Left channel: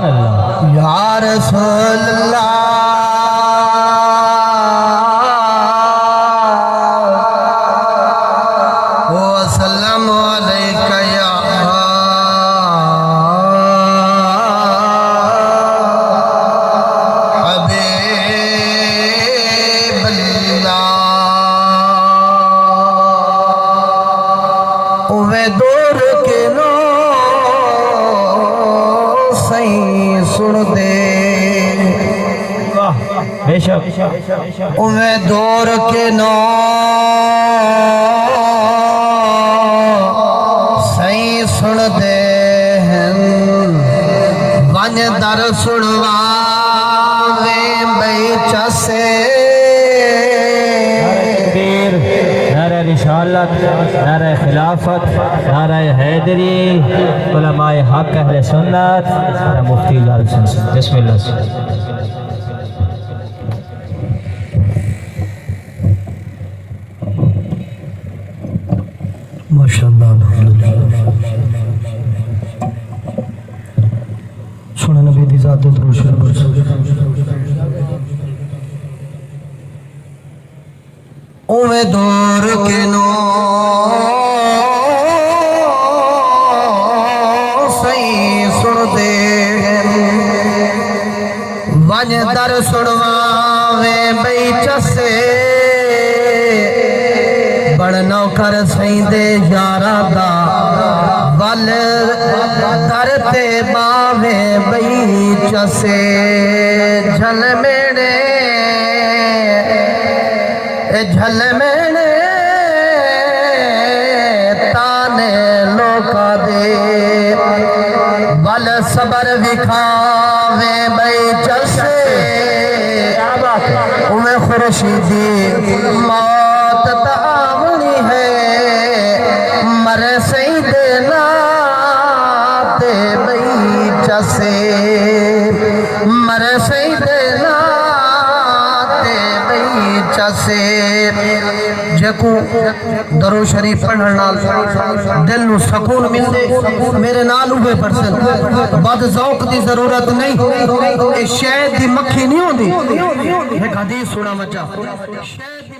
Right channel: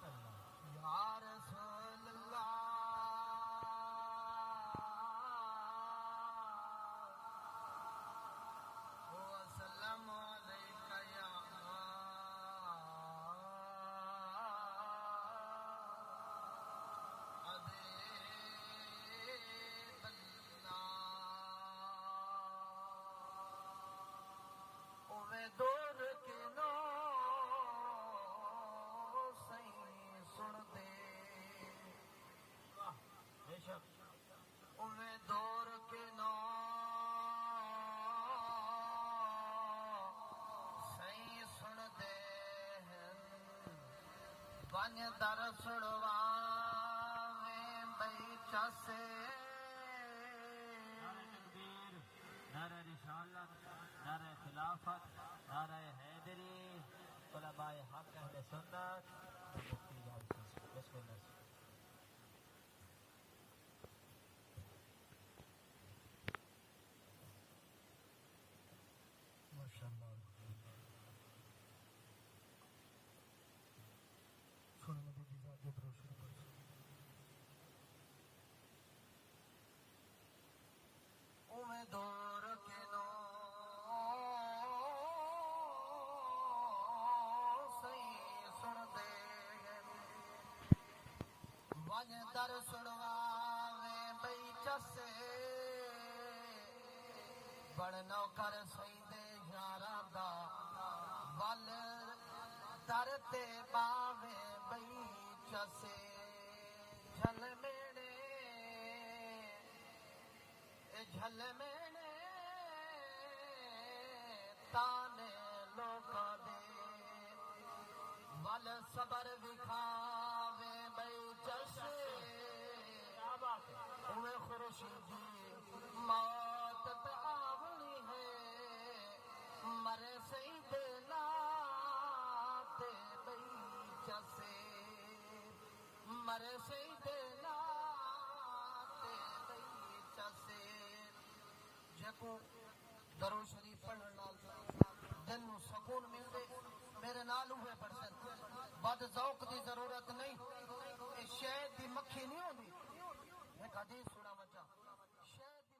سبحان اللہ یا رسول اللہ وسلم علیکہ یا حبیب اللہ اوے دور کے نو سائیں سن دے بے شک اوے دور کے نو سائیں سن دے ون در سنواوے بئی چسے تکبیر نعرہ رسالت نعرہ خلافت نعرہ حیدری علماء حق اہل سنت مفتی لال حسین بسم اللہ ماشاءاللہ سونا نبی دی ذات درود شریف اوے دور کے نو سائیں سن دے ون در سنواوے بئی چسے بڑ نوکر سائیں دے یارا دا ول در تے باوے بئی چسے جھل میڑے جھل میڑے تانے لوکا دے ول صبر وکھاوے بئی چسے اوے خورشیدی موت تاونی ہے مرے سائیں دے ناتے بئی چسے مرے سائیں دے ناتے بئی چسے جکو درو شریف پڑھن نال دل نو سکون مل دے میرے نال ہوئے پرسن بد ذوق دی ضرورت نہیں اے شہد دی مکھی نہیں ہوندی ایک حدیث سنا مچا شہد دی